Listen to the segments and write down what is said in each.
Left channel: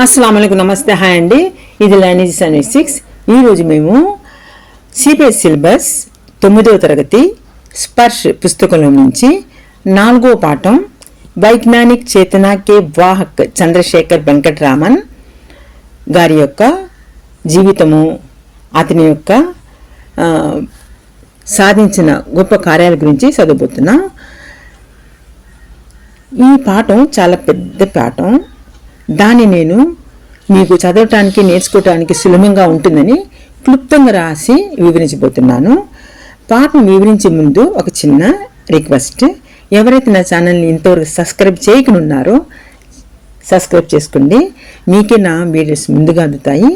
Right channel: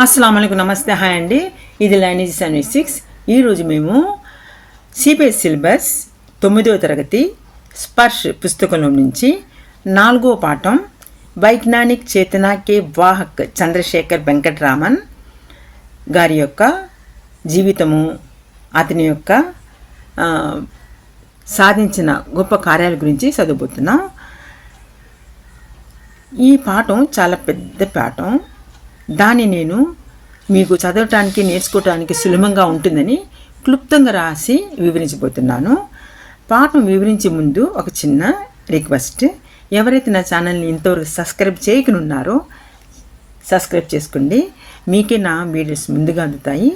అస్సలాము అలైకుం, నమస్తే, హాయ్ అండి. ఇది లైనేజ్ సర్వీస్ 6. ఈరోజు మేము సిబిఎస్ సిలబస్ 9వ తరగతి స్పర్శ్ పుస్తకంలో నుంచి 4వ పాఠం వైజ్ఞానిక్ చేతన కే వాహక్ చంద్రశేఖర్ వెంకటరామన్ గారి యొక్క జీవితము, అతని యొక్క సాధించిన గొప్ప కార్యాల గురించి చదవబోతున్నాం. ఈ పాఠం చాలా పెద్ద పాఠం. దాన్ని నేను మీకు చదవటానికి, నేర్చుకోవటానికి సులభంగా ఉంటుందని క్లుప్తంగా రాసి వివరించబోతున్నాను. పాఠం వివరించే ముందు ఒక చిన్న రిక్వెస్ట్. ఎవరైతే నా ఛానల్ని ఇంతవరకు సబ్స్క్రైబ్ చేయకున్నారో సబ్స్క్రైబ్ చేసుకోండి. మీకే నా వీడియోస్ ముందుగా అందుతాయి.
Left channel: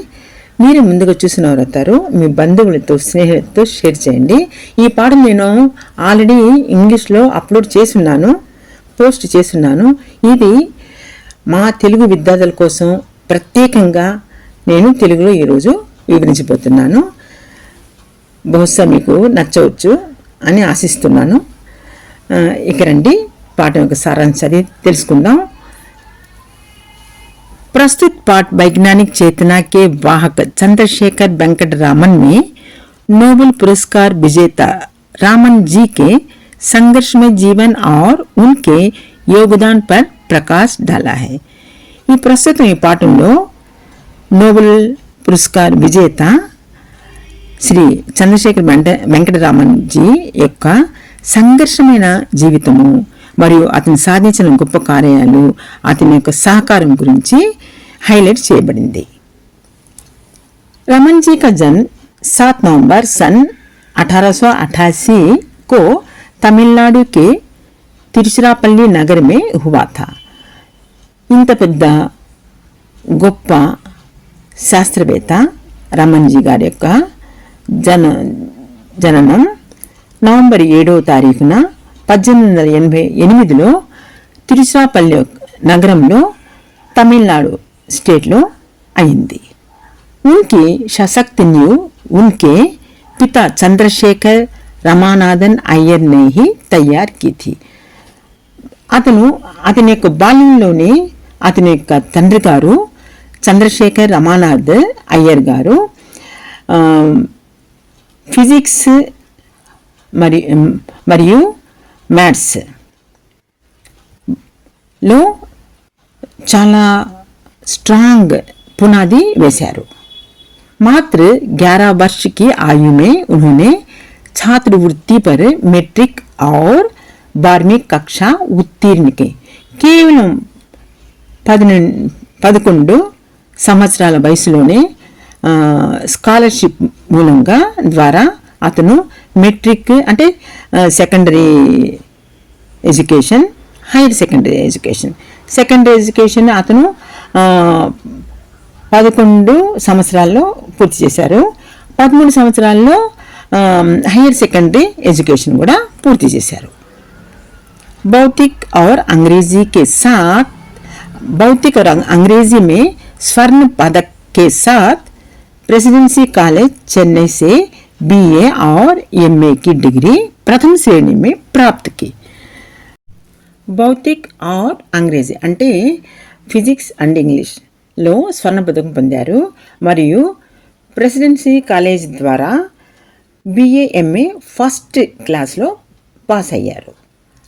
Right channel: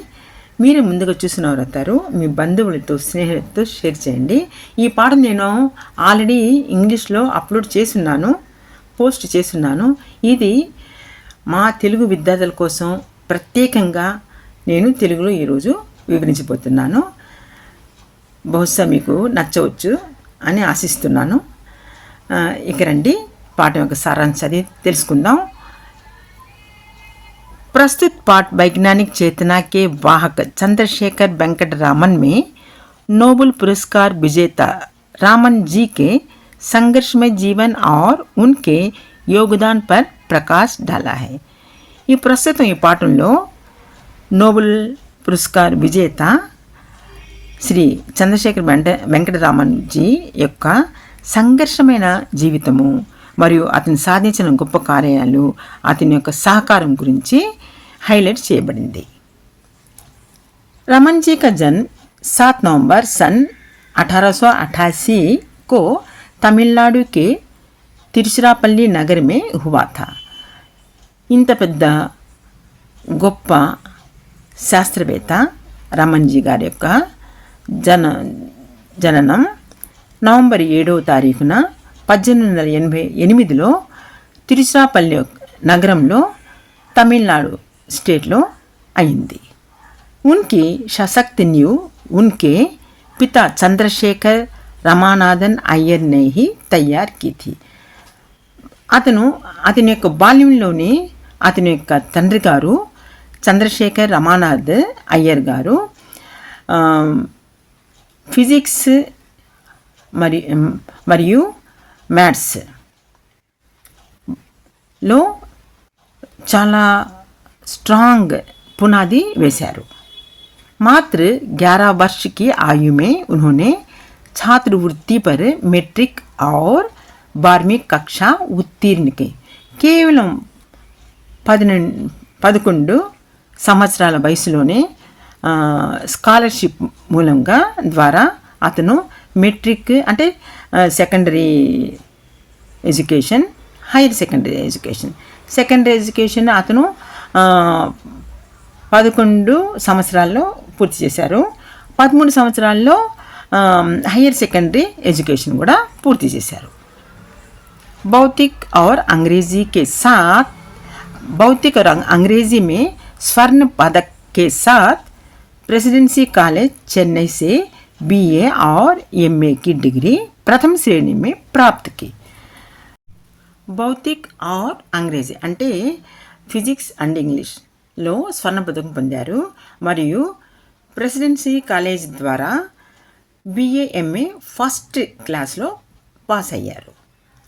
మీరు ముందుగా చూసిన వారు అవుతారు. మీ బంధువులతో, స్నేహితులతో షేర్ చేయండి. ఈ పాఠం నేను ఆల్రెడీ ఇంగ్లీష్లో అప్లోడ్ చేస్తున్నాను, పోస్ట్ చేస్తున్నాను. ఇది మా తెలుగు విద్యార్థుల కోసం ప్రత్యేకంగా నేను తెలుగులో ఈరోజు వివరించబోతున్నాను. బహుశా మీకు నచ్చవచ్చు అని ఆశిస్తున్నాను. ఇక రండి, పాఠం యొక్క సారాంశాన్ని తెలుసుకుందాం. प्रस्तुत पाठ वैज्ञानिक चेतना के वाहक चंद्रशेखर वेंकट रामन में नोबेल पुरस्कार विजेता रामन जी के संघर्षमय जीवन और उनके योगदान पर प्रकाश डाला है. ఈ ప్రస్తుతం ఈ పాఠంలో నోబెల్ పురస్కార్ విజేత శ్రీ చంద్రశేఖర్ వెంకటరామన్ జీ యొక్క సంఘర్షమైన జీవితము మరియు అతను సాధించిన గొప్ప కార్యాలు, అతని యొక్క సహకారం గురించి హైలైట్ చేయబడింది. रमन जी का जन्म 7 नवंबर सन 1888 को तमिलनाडु के तिरुचिरापल्ली नगर में हुआ था. ఇంత పెద్ద గొప్ప శాస్త్రవేత్త రమన్ జీ గారి యొక్క జననం నవంబర్ 7వ తారీఖున 1888లో తిరుచిరాపల్లి నగరంలో తమిళనాడు స్టేట్లో అయింది. उनकी सशक्त नींव उनके पिता चंद्रशेखर रमानाथन अय्यर ने ही तैयार की थी. అతని యొక్క బాల్యంలోనే అతని యొక్క తండ్రి గారు చంద్రశేఖర్ రమానాథ్ అయ్యర్ గారు ఫిజిక్స్ మరియు మ్యాథ్స్ లో చాలా స్ట్రాంగ్ పునాది వేశారు. मात्र 11 वर्ष की आयु में उन्होंने छात्रवृत्ति पर मैट्रिक और 12वीं कक्षा उत्तीर्ण की. కేవలం 11 సంవత్సరాల వయసులోనే స్కాలర్షిప్ మూలంగా ద్వారా అతను మెట్రిక్ అంటే secondary education, higher secondary education అతను 11 సంవత్సరాల్లో పూర్తి చేశారు. 13 సంవత్సరాల్లో హైయర్ సెకండరీ ఎడ్యుకేషన్ కూడా పూర్తి చేశారు. भौतिक और अंग्रेजी में स्वर्ण पदक के साथ प्रेसिडेंसी कॉलेज चेन्नई से बीए और एमए की डिग्री प्रथम श्रेणी में प्राप्त की. భౌతిక్ ఆర్ అంగ్రేజీ అంటే ఫిజిక్స్ అండ్ ఇంగ్లీష్లో స్వర్ణ పథకం పొందారు మరియు ప్రెసిడెన్సీ కాలేజ్ ద్వారా बीए एमए फर्स्ट क्लास లో पास అయ్యారు.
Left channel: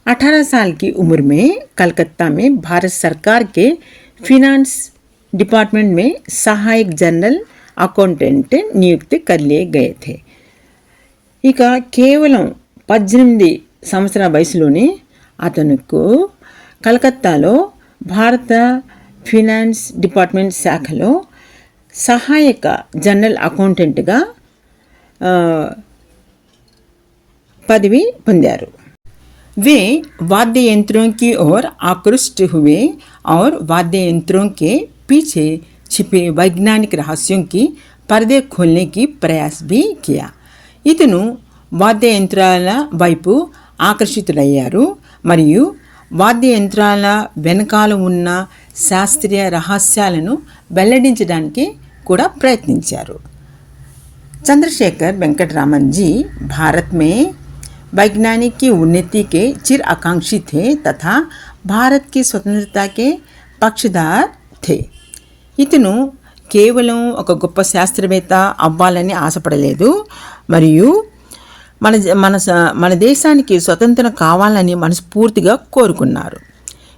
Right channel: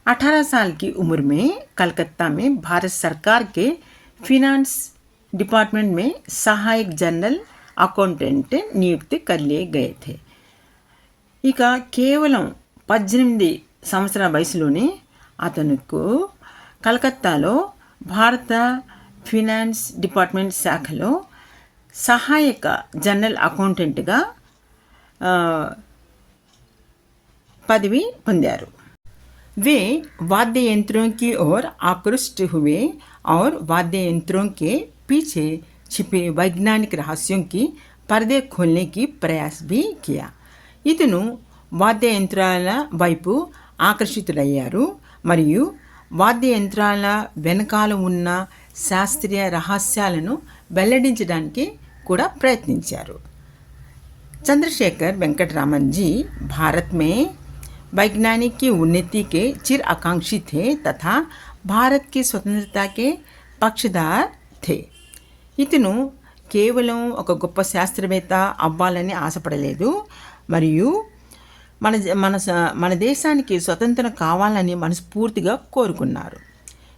18 साल की उम्र में कलकत्ता में भारत सरकार के फिनांस डिपार्टमेंट में सहायक जनरल अकाउंटेंट नियुक्त कर लिए गए थे. ఇక కేవలం 18 సంవత్సరాల వయసులోనే అతనుకు కలకత్తాలో భారత ఫినాన్స్ డిపార్ట్మెంట్ శాఖలో సహాయక జనరల్ అకౌంటెంట్గా పదవి పొందారు. वे वाद्य यंत्रों की ओर आकृष्ट हुए और वाद्य यंत्रों के पीछे छिपे वैज्ञानिक रहस्यों की पर्दे खोलने की प्रयास भी किया. इतनु वाद्य यंत्राల వైపు ఆకర్షితులయ్యారు మరియు వాద్య యంత్రాల వెనకాల ఉన్న శాస్త్రీయ రహస్యాలను వెల్లడించడానికి కూడా ప్రయత్నించారు. चंद्रशेखर वेंकटरामन जी भारत में वैज्ञानिक की उन्नति के चिर आकांक्षी थे तथा भारत की स्वतंत्रता के पक्षधर थे. ఇతను కేవలం ఒక గొప్ప శాస్త్రవేత్త అవ్వాలని ఆశపడలేదు, మరియు మన మన మన దేశానికి స్వతంత్రం కావాలని మనస్ఫూర్తిగా కోరుకున్నారు.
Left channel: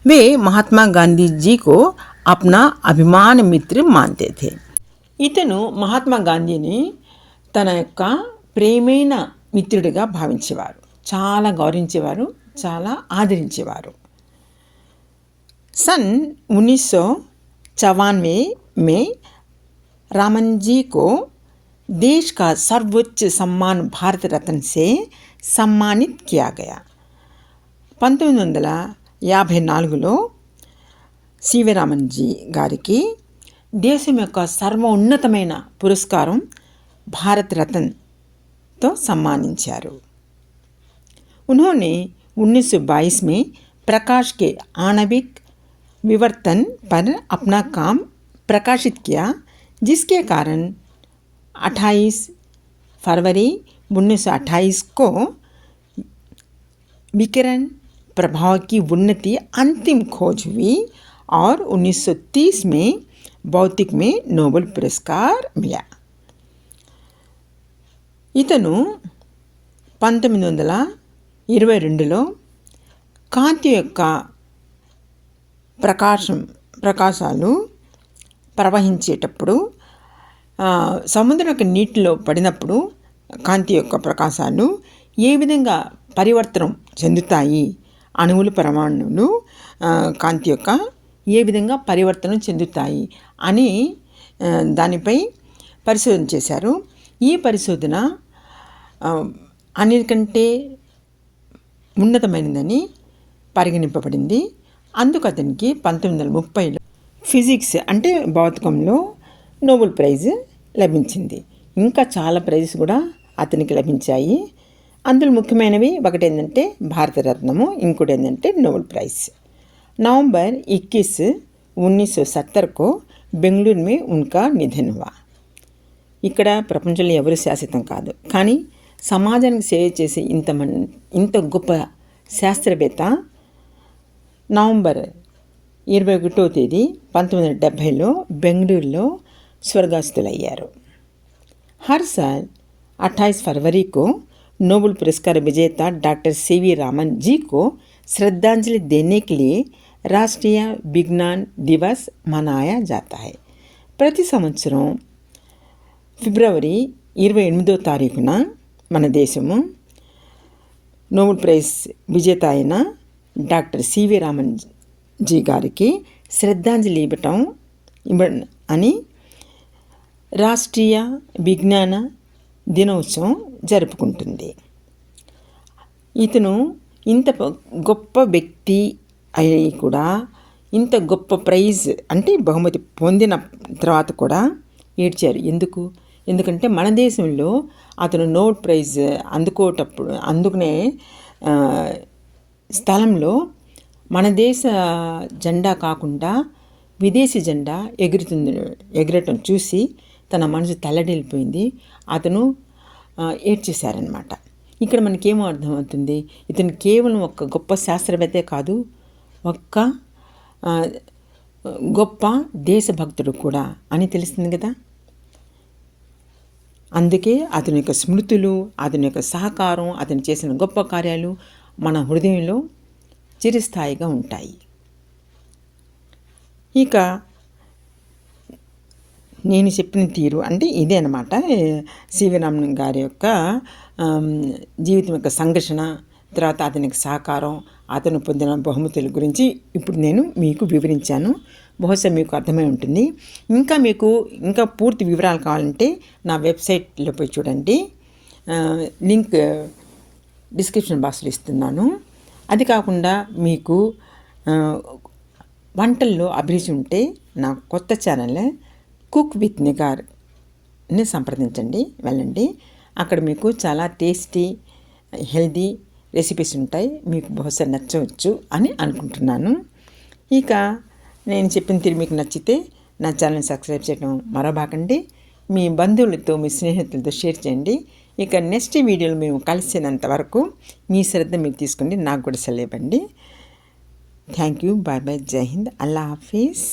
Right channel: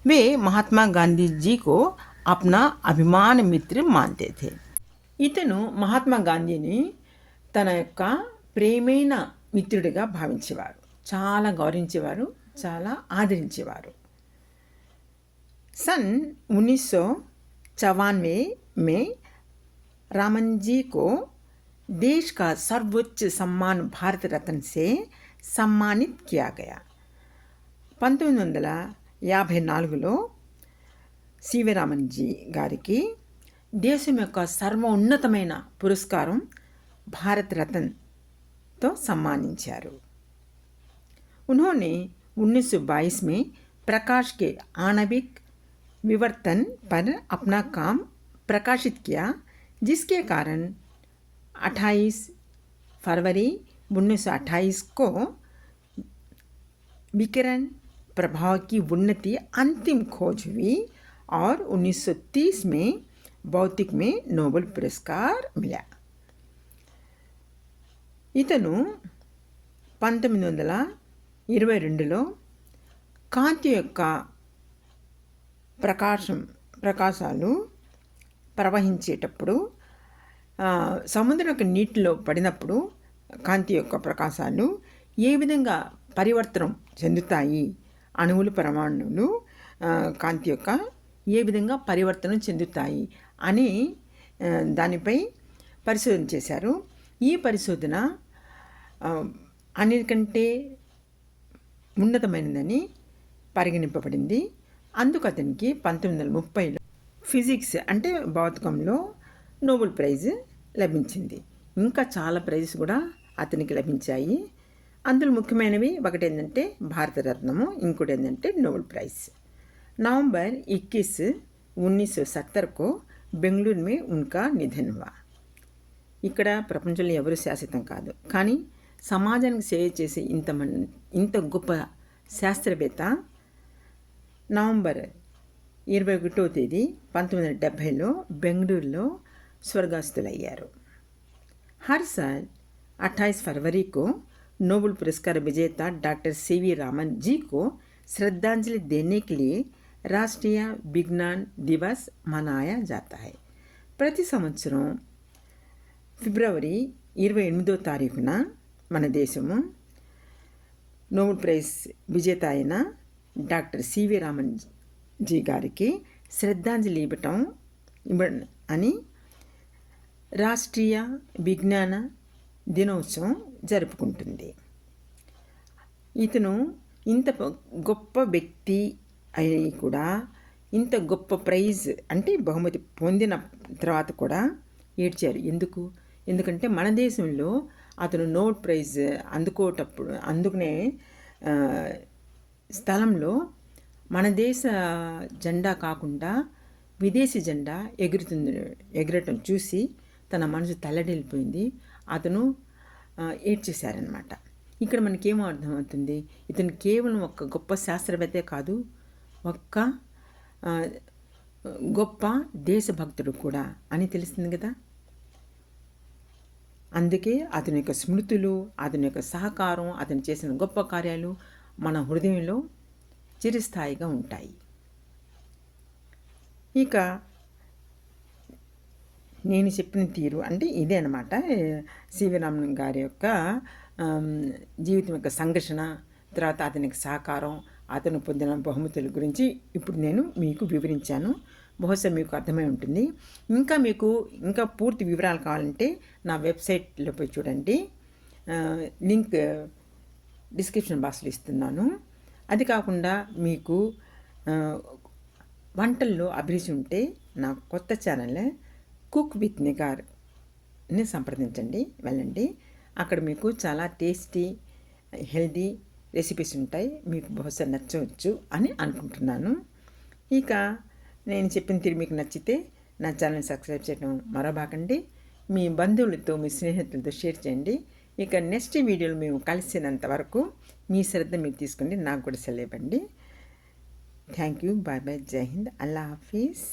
వే మహాత్మా గాంధీజీకో అప్నా అభిమాన మిత్ర మాన్తే థే. ఇతను మహాత్మా గాంధీని తన యొక్క ప్రేమైన మిత్రుడిగా భావించేవారు, చాలా గౌరవించేవారు, చాలా ఆదరించేవారు. सन 1994 में रामन जी को देश का सर्वोच्च सम्मान भारत रत्न से सम्मानित किया गया. 1954లో సివి రామన్ జీ గారికి దేశం యొక్క సర్వోన్నతమైన పురస్కారం భారత్ రత్న్తో సన్మానించారు. उन्होंने 1922 में प्रकाश के आणविक विवर्तन पर अपना काम प्रकाशित किया, जिसके कारण 28 फरवरी 1928 को विकिरण प्रभाव की उन्नति अंतिम खोज हुई और 1930 में भौतिक में नोबेल पुरस्कार मिला. ఇతను 1922లో కాంతి యొక్క ప్రకాశాలు ప్రవహించేటప్పుడు సముద్రం యొక్క నీటిలో పడినప్పుడు కాంతి యొక్క ప్రకాశాలు ఏ విధంగా పరివర్తనం చెందుతాయి, అణువులు పరమాణువులు కాంతి యొక్క ఏ విధంగా పరివర్తనం చెందుతాయి అని దానిపై పరిశోధన చేశారు. ఈ పరిశోధన అన్నిటికంటే ఉన్నతమైనదని పరిగణింపబడింది. అందుకు అతనికి 1930లో ఫిజిక్స్ అంటే భౌతికంలో నోబెల్ ప్రైజ్ లభించింది. ఇంకా చాలా ప్రైజెస్ కూడా అతనికి లభించాయి. అందులో ముఖ్యమైనవి ఒకటి ఏంటంటే భారతరత్నము, ఇంకోటి ఏంటంటే నోబెల్ ప్రైజ్. నవంబర్ 21, 1970 బెంగళూరు మే ఉన్కా నిధన్ హువా. ఇక్కడ ప్రపంచంలో ఎవరు శాశ్వతం కాదు, కానీ సమాజానికి సేవ చేసే ఇంత గొప్ప శాస్త్రవేత్త నవంబర్ 21వ తేదీ 1970లో బెంగళూరులో స్వర్గస్థులయ్యారు. हर साल 28 फरवरी को नोबेल पुरस्कार विजेता डॉक्टर सीवी रामन जी को श्रद्धांजलि देने के लिए राष्ट्रीय विज्ञान दिवस मनाया जाता है. ప్రతి సంవత్సరం ఫిబ్రవరి 28వ తారీఖున మన దేశము నోబెల్ ప్రైజ్ విజేత అయిన డాక్టర్ సివి రామన్ జీ గారికి శ్రద్ధాంజలి ఇవ్వటం అని రాష్ట్రీయ విజ్ఞాన దినోత్సవం జరుపుకుంటుంది. ఇతను ఇంత గొప్ప వ్యక్తి అయి కూడా ఇంత గొప్ప ప్రైజ్ అంటే బహుమతి పొందిన తర్వాత కూడా ఏడ్చారు. ఎందుకంటే మన దేశంలో అతను నోబెల్ ప్రైజ్ అందుకునే మన దేశ జెండా కాకుండా విదేశీ జెండా ఎగరటం చూసి తన మనసు తల్లడిల్లిపోయింది. అతను ఏడ్చేశారనమాట. ఇక్కడ మనకేమో అర్థమవుతుంది, ఇతను కేవలం ఒక గొప్ప శాస్త్రవేత్తే కాదు, ఒక్క గొప్ప దేశభక్తుడు కూడా అని తెలుస్తుంది కదా. అందుకే అతని యొక్క స్మృతులు, అతని యొక్క సహకారం, అతను చేసిన గొప్ప కార్యాలు మన హృదయంలో చిరస్థాయిగా ఉంటాయి. ఇక నేను చెప్పిన తీరు అంటే ఇదే అనమాట. సివి రామన్ గారి యొక్క జీవితం యొక్క సంఘర్షణ, తర్వాత అతనికి సహకారం, అతను పొందిన బహుమతుల గురించి ఇప్పుడు నేను మీకు వివరించాను. బహుశా మీకు అర్థమై ఉంటుంది. ఇంకా పూర్తి వివరాలు కావాలంటే నా వెబ్సైట్లో పోయి చూడండి. లింక్ డిస్క్రిప్షన్ బాక్స్లో ఇస్తున్నాను. అది కాకుండా మీకు వంటల్లో అభిరుచి ఉంటే నా కొత్త ఛానల్ కుక్ విత్ నిగార్ని సంప్రదించండి, వెళ్ళండి. అక్కడ మీకు చాలా టేస్టీ హెల్దీ రెసిపీస్ ఉంటాయి. మీకు బహుశా నచ్చవచ్చు అని అనుకుంటున్నాను. ఇక నేను చెప్పిన తీరు మీకు నచ్చితే నా ఛానల్ సబ్స్క్రైబ్ చేయడం మరవబాకండి. మీ బంధువులతో, మీ స్నేహితులతో షేర్ చేయండి. ఇక నెక్స్ట్ వీడియోలో మేము కలిసినంత వరకు మీ శ్రద్ధ మీరు తీసుకోండి, నాకు కూడా సెలవు ఇవ్వండి. Thank you. Bye bye. జై హింద్. అల్లా హాఫీజ్.